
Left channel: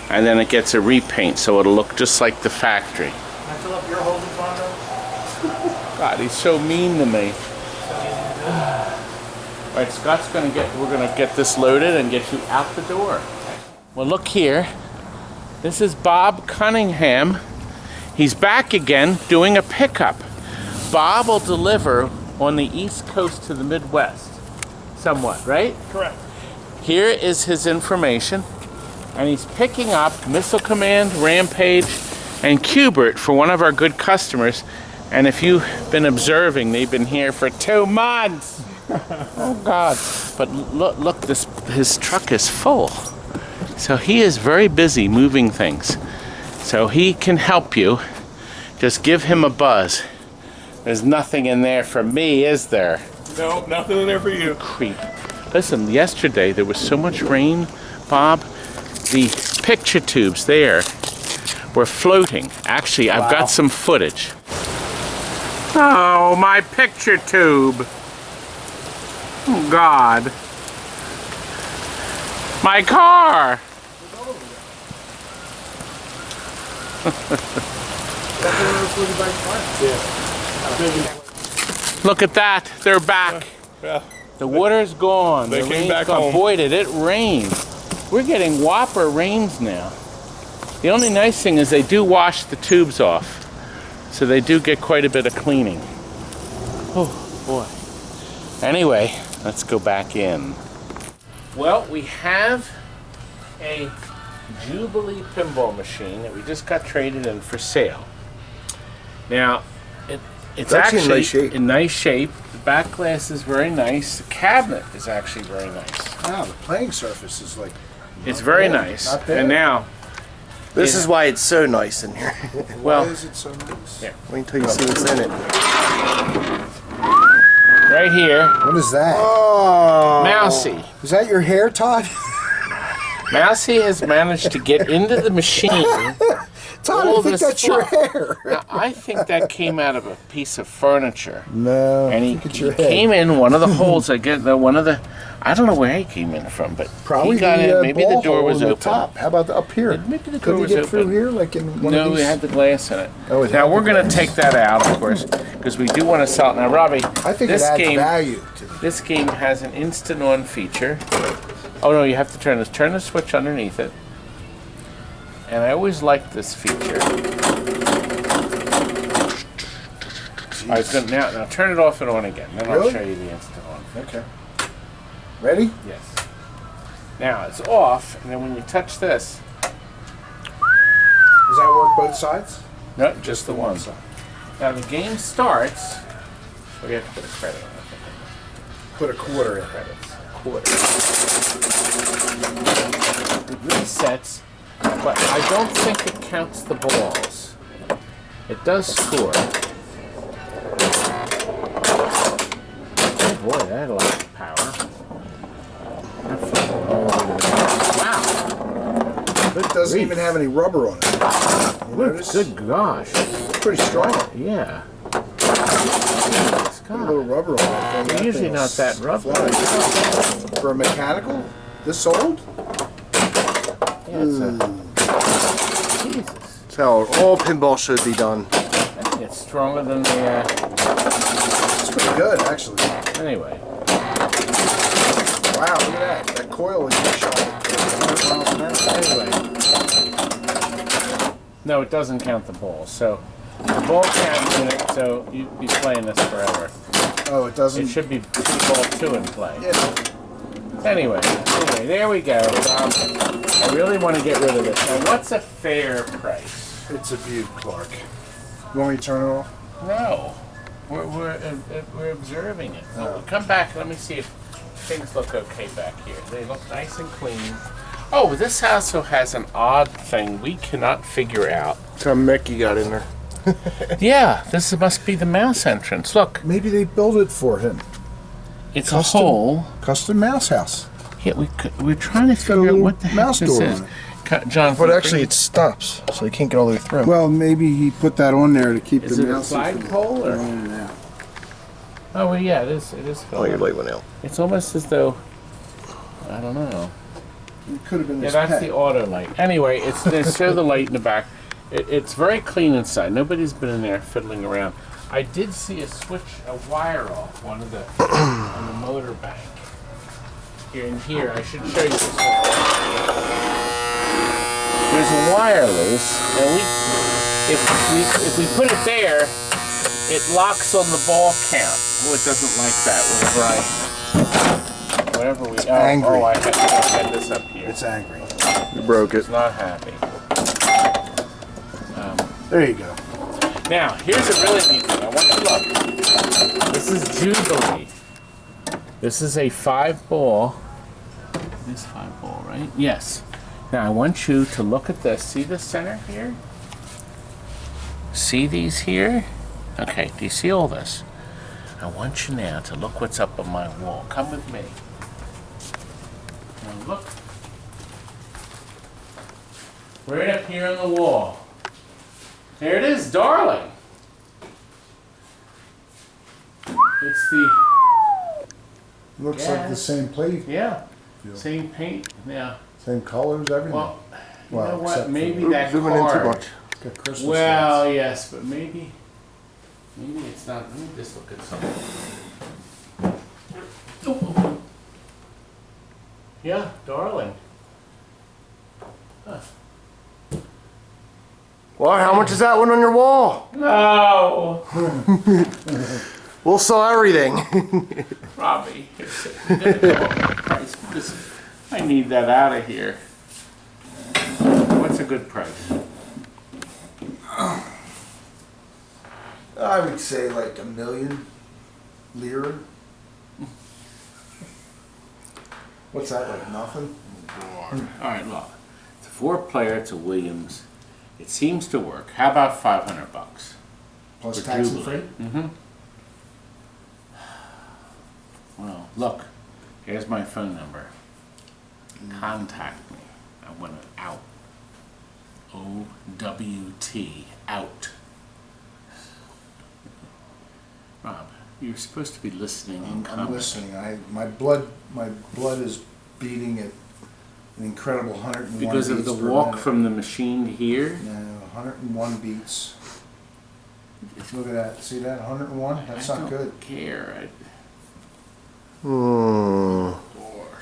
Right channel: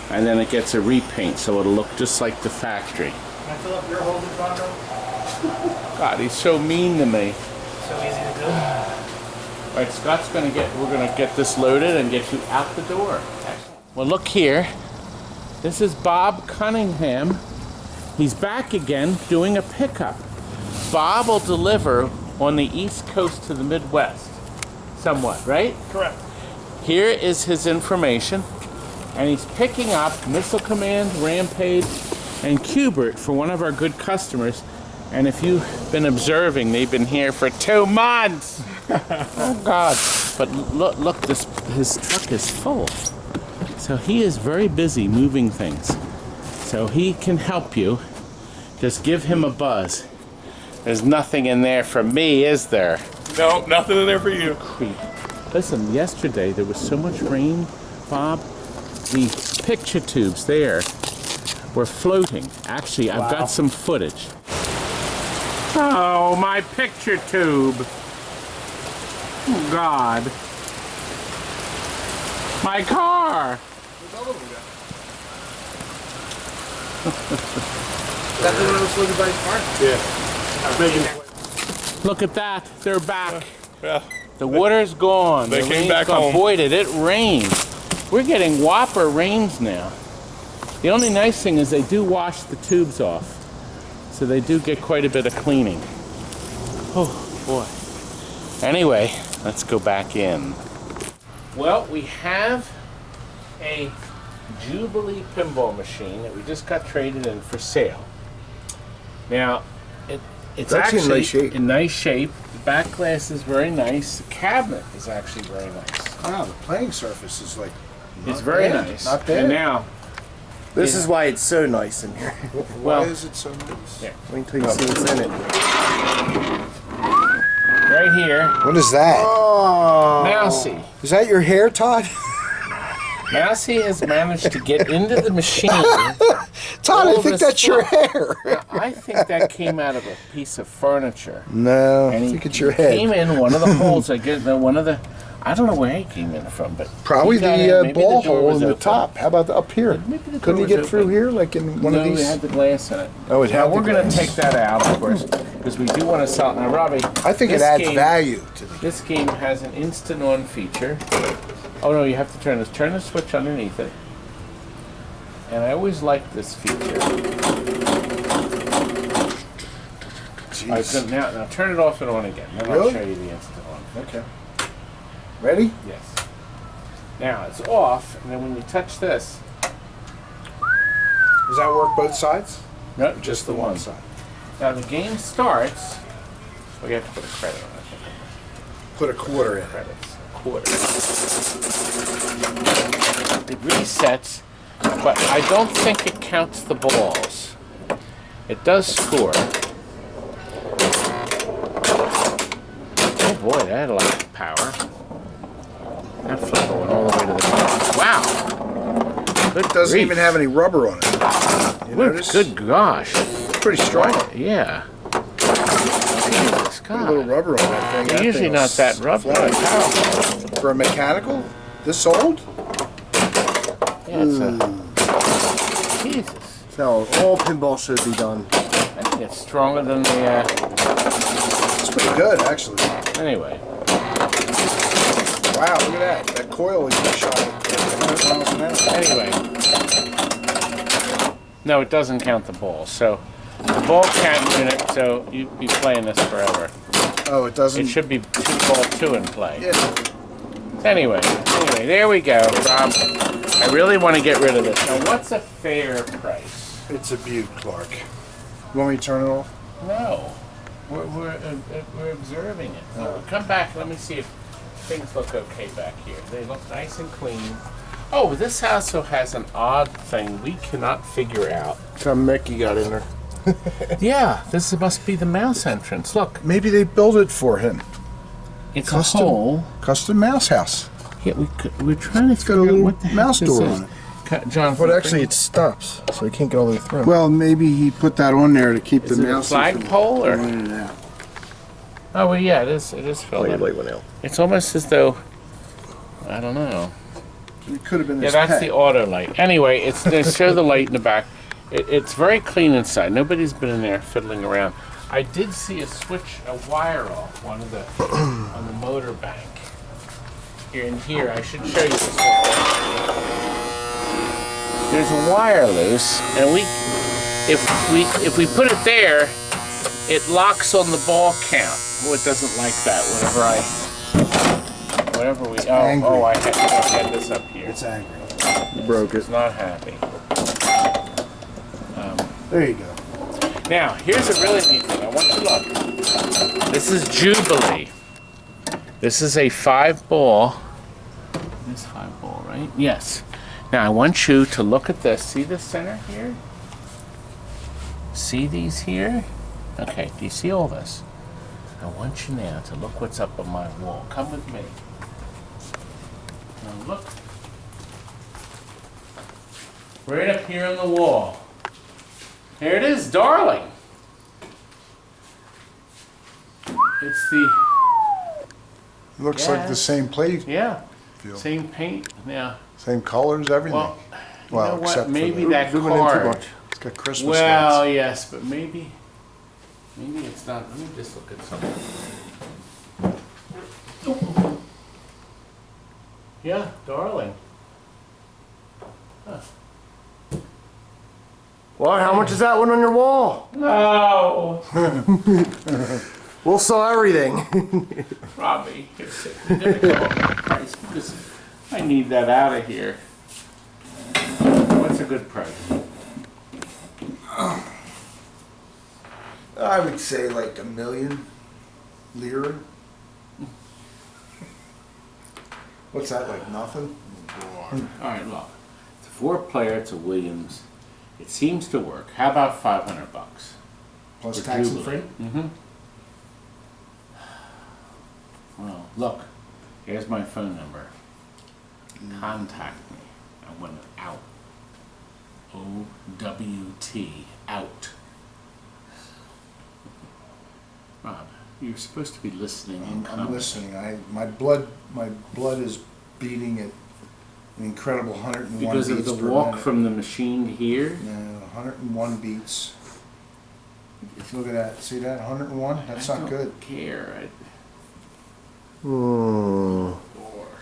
and then it gets a repaint so it'll look just like the factory. Can I fill up your holes with Bondo? God, he's so mean to me. So easy to do. All right, Scott's we're gonna get this loaded and get you out the door. Well, look here. This is Bob Cunningham. He's back again doing a pickup. Bob will deliver on the East Coast to the Midwest, somewhat, right? Correct. Here is his information, and he's picking up Missile Command, Rampage, and Cubert for one of our good customers. And if you've been observing, they've been here for 2 months. Oh God! But look, his truck is full. So he is very busy moving things. So he can help you. Just give him a buzz. There's nothing in there for me, is there? No, nothing in there for you. Creep. Listen, yesterday there was so much rain, Bob. The picture tubes there We're floating. Actually, I've got some footage. Oh, my picture tube. Oh, God. My car. Look at that. They're back. Yeah. The water's gone. They The came rain's back gone. home. Boy, did it rain. We're getting whopper rains now. The only nice thing is they do wash the tubes off. So they do get quite a bit of cleaning. Oh, boy. Anyway, let's go back in. Well, we have a Jubilee pinball machine that we just got traded in for sale. Now, it's actually in nice shape. The back glass is very nice. The cabinet is actually very nice. Wow, the playing surface is like... It's very nice. Not bad. And now, This is why it's so nice in here. well, Why is it so nice? Yeah. Wait until you see what's in it. right here, What is that? Oh, Mousy. Is that your hair, Todd? Mousy has managed to get into the machine. Todd, all I think this that's your fluff. hair. Now, I think that came out of a piece of furniture. No, I And he, think it's your he head. came in one of the holes. I get one of the. I don't know where he came in from, but Probably he got in. the Maybe ball the door hole was in the open. top. How about up here? Maybe the door Couldn't he was get through open. here like in one No, of these? we had the glass in it. Oh, it Now had we're the going to glass. take that out, of course, because we do want to sell it. Now, Robbie, I think it this adds game, value to the This game has an instant on feature. Oh no, you have to turn this. Turn the switch underneath it. And I always liked this feature. I was gonna, now turn it off and on again. Then I'll Really? show you the instant on. Okay. Ready? Yes. Now it's off, and then when you touch this, Does that work both sides? no, just the one. side. Now the game starts. Oh, you have to put a credit on it. I think. Put a quarter in. Credits. Quarter. It resets, but I don't think it counts the balls. It does score. Oh boy, that had a lot of power. That flew all the way to the top. Wow! It doesn't grief. even have any rubber on it. You notice? Good gosh. It's pretty strong. Yeah. Jesus Put a little God. rubber on that thing. That Usually thing not will that rubber. fly. For a mechanical? This old? Yeah, it's a... Jesus. so all pinball should be done. I think it's stronger than the, It's pretty good, actually. anyway. Wow, look at that. That coil is shot at 100 miles an hour. Anyway. No, it doesn't count the ball. So the ball count unit, so you'd be playing this forever. Oh, it doesn't? It should be ball 2 in play. Yeah. Anyway, there we go. I really want to get rid of this. Now, what's a fair price? It's a beaut, Clark. You want me to turn it off? No. We're observing it. So come back. Let me see if things look okay back here. They look nice and clean. Oh, this also has an odd thing we cannot figure out. Some Mickey got in there. Yeah, this must be the mouse entrance. Look, Maybe they built it for him. it's Custom. a hole. Custom mouse house. Yeah, we're trying to got a figure out little what the heck mouse this door is. on John, But actually it stops, so you can't get all the way through. Well, maybe he put that on there to keep is the it a mouse flagpole or? in and out. Oh well, yeah, it is. It is oh, filled your up. light went out. It's almost as though, I don't know. It could have been Yeah, his that's pet. the auto light. Anyway, it's they show the light in the back. It's very clean inside. Nobody's been in there fiddling around. I did see a switch, a wire off one of the on the motor bank. Here and here, I should show you this one. There's a wire loose, and if we put it there, it locks on the ball count. Oh, it doesn't like that. Whenever we angry. oh, I had this up here. It's angry. You broke It's it. not happy. There you go. Now, here's a really neat thing. I want you to look. This is Jubilee. This is a 5-ball. It is 5-ball, right? Yes. Now, I want you to look at this. See the center here? See these here? Okay, do you see all this? I want you now to look what's up on my wall. Come with me. Now look. Right up here on the wall. Here it is, darling. It's the Looks like the same plate. yeah, Feel. same paint. Yeah. Same colors, everything. Well, you know what? except for Maybe the- that Zooming in too card. much. It's got Christmas Well, lights. yes, but maybe it's not. Let me just look at something. Yeah, darling. Well, how much is that one on your wall? No, We'll sell everything. Robbie, here's it. We gotta go up the price because I need that out of here. What's a good price? I would say like $1 million lira. What's that, like nothing? All right, look. It's a 4-player. It's a Williams. It seems to work. How about $500? Plus For tax and Jubilee. freight? Mm-hmm. Well, look. Here's my phone number. Contact me. I want it out. OWT. Out. Rob, you're supposed to be listening and I'm commenting. listening. My blood is beating at an incredible 101 Because beats of the per walk minute. from the machine to here. No, 101 beats. Look at that. See that? 101? That's I not good. don't care.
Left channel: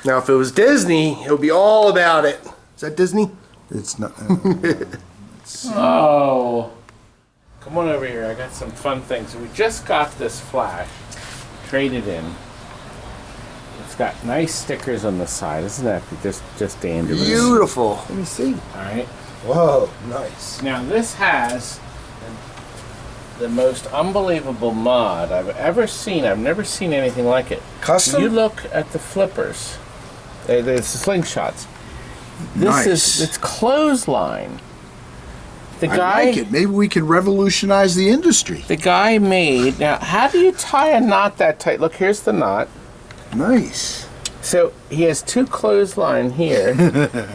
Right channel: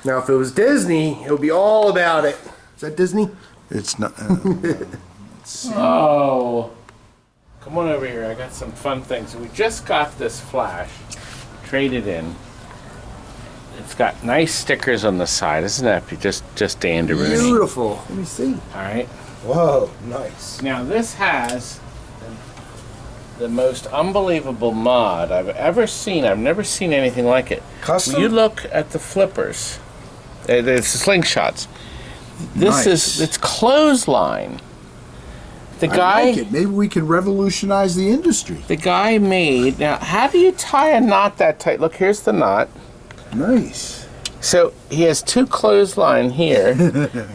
Now, if it was Disney, it would be all about it. Is that Disney? It's not. Oh, come on over here. I got some fun things. We just got this Flash traded in. It's got nice stickers on the side. Isn't that just dangerous? Beautiful. Let me see. All right. Whoa, nice. Now this has the most unbelievable mod I've ever seen. I've never seen anything like it. Custom? You look at the flippers. It's the slingshots. This Nice. it's clothesline. The guy. I like it. Maybe we could revolutionize the industry. The guy made, now how do you tie a knot that tight? Look, here's the knot. Nice. So he has 2 clothesline here.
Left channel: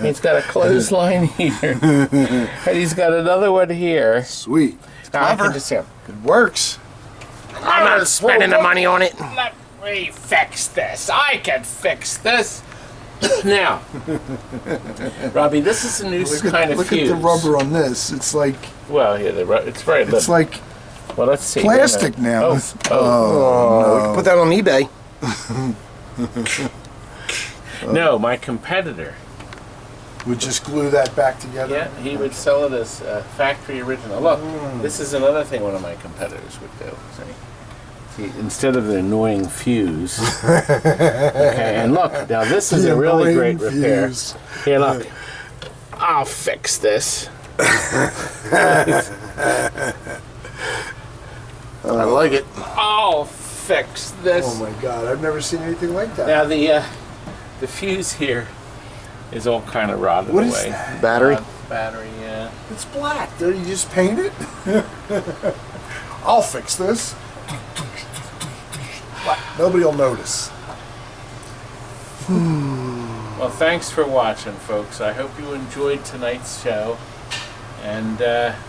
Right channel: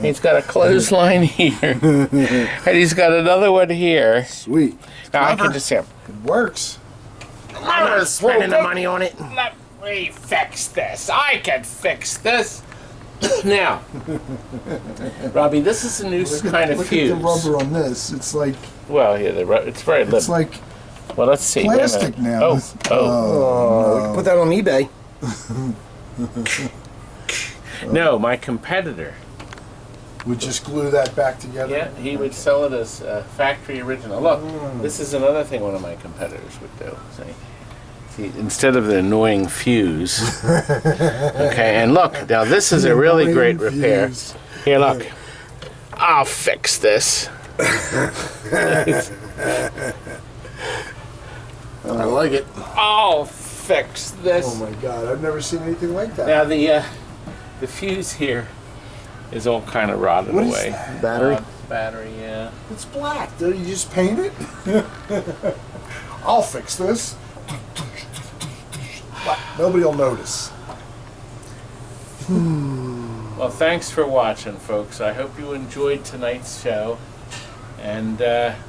He's got a clothesline here. And he's got another one here. Sweet. Now I Clever. can just say, It works. I'm not Spending the money on it. Let me fix this. I can fix this. Now, Robbie, this is a new kind of Look fuse. at the rubber on this. It's like Well, yeah, it's very little. it's like well, let's see. Wait a plastic minute. now. Oh, We can put that on eBay. no, my competitor. We just glue that back together. Yeah, he would sell it as factory original. Look, this is another thing one of my competitors would do. See, instead of the annoying fuse. Okay, and look, now this is a really great repair. Fuse. Here, look. I'll fix this. I like it. I'll fix this. Oh my God! I've never seen anything like that. Now the fuse here is all kind of rotted What is away. that? Battery? Battery, yeah. It's black. Don't you just paint it? I'll fix this. Nobody will notice. Well, thanks for watching, folks. I hope you enjoyed tonight's show. And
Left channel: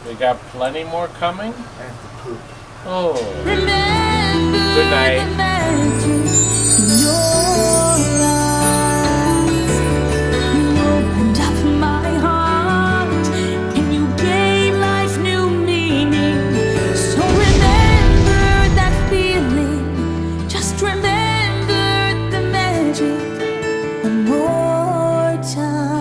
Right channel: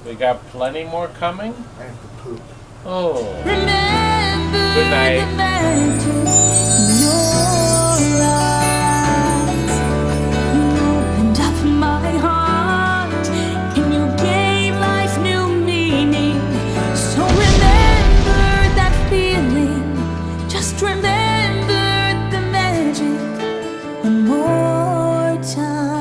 we got plenty more coming. I have to poop. Oh. Remember Good night. the magic in your eyes. You opened up my heart and you gave life new meaning. So remember that feeling. Just remember the magic one more time.